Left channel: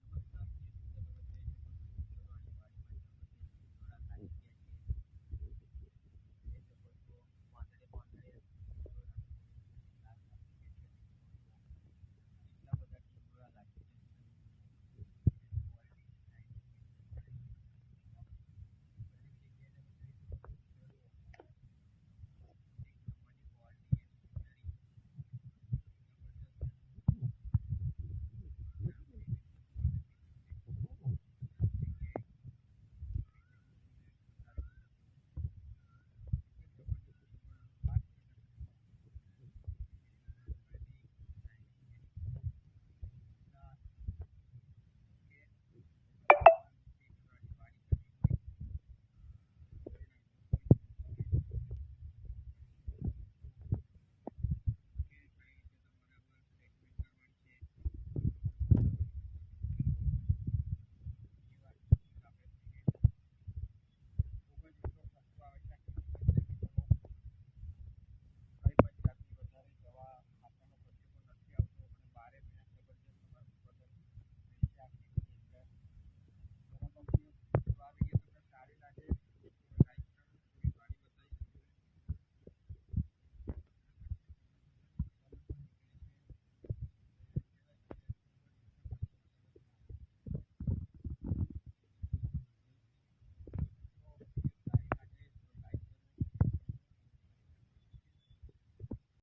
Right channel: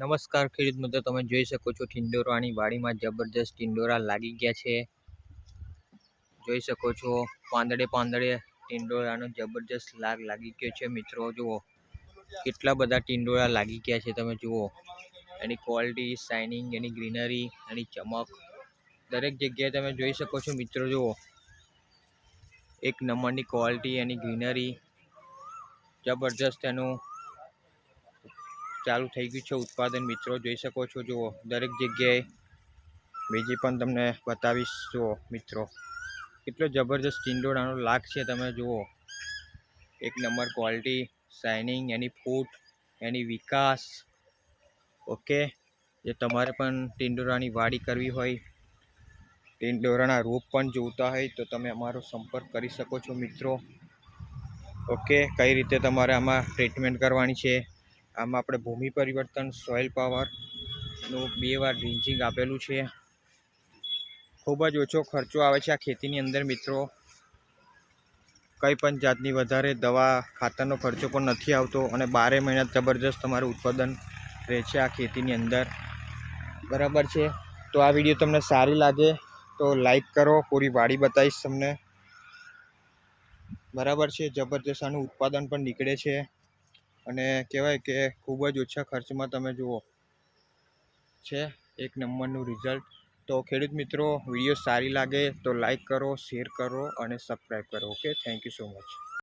નમસ્કાર ખેડૂત મિત્રો, તમે જોઈ શકો છો ટિંડોરાની વાડીમાં જબરજસ્ત ટિંડોરા લાગી ગયા છે। જોઈ શકો છો પાંદડે પાંદડે ટિંડોરાનો જબરજસ્ત લાગી ગયો છે। મિત્રો જુઓ કેટલા બધા ટિંડોરા લાગી ગયા છે। તમે જુઓ એની ક્વોલિટી, શાઇનિંગ, એની ગ્રીનરી, એની ચમક દરેક જગ્યાએ તમે જોઈ શકો છો। મિત્રો જુઓ એક નંબરની ક્વોલિટી, એની ગ્રીનરી જબરજસ્ત, એનું ચાલુ થઈ ગયું છે ઉત્પાદન। મિત્રો જોઈ શકો છો, જુઓ દરેક જગ્યાએ બીજી પણ તમને બતાવીશ। જુઓ મિત્રો કેટલો જબરજસ્ત ટિંડોરાનો લાગ છે। તમે જુઓ એક નંબર ક્વોલિટી, શાઇનિંગ, એની ફૂટ, એની વિકાસ। ઓકે, જે તમારે પણ ટિંડોરાની વાડી કરવી હોય, ટિંડોરાના રોપ પણ જોઈતા હોય તો તમે અમારો સંપર્ક કરી શકો છો મિત્રો। ઓકે, કઈ રીતે તમારે આમાં ટ્રીટમેન્ટ કરવાની છે? આમાં આપણે ભૂમિ પરિવર્તન, સોઇલ પાવરનું 2 વાર ડ્રિંચિંગ આપેલું છે। ખૂબ જ ઓછો ખર્ચો આવે છે આ ખેતીની અંદર મિત્રો। કંઈ પણ જાતની વધારે દવા ખાતરનો ખર્ચો પણ નથી આવતો અને 12 મહિના જબરજસ્ત તમારું ઉત્પાદન રહે છે આ ખેતીની અંદર, બરાબર છે। તો આ વિડીયો તમને સારી લાગે તો લાઈક કરો, પૂરી વાડી બતાવીશ તમને, બરાબર છે। જબરજસ્ત આનું ઉત્પાદન પણ નીકળે છે અને કહેવાય કે ખૂબ જ ઓછા ખર્ચમાં તમે જુઓ છે એક નંબરનું રિઝલ્ટ। તો ખેડૂત મિત્રો, વિડીયો સારી લાગે તો લાઈક કરો, શેર કરો અને સબસ્ક્રાઈબ કરો। Okay, thank you so much.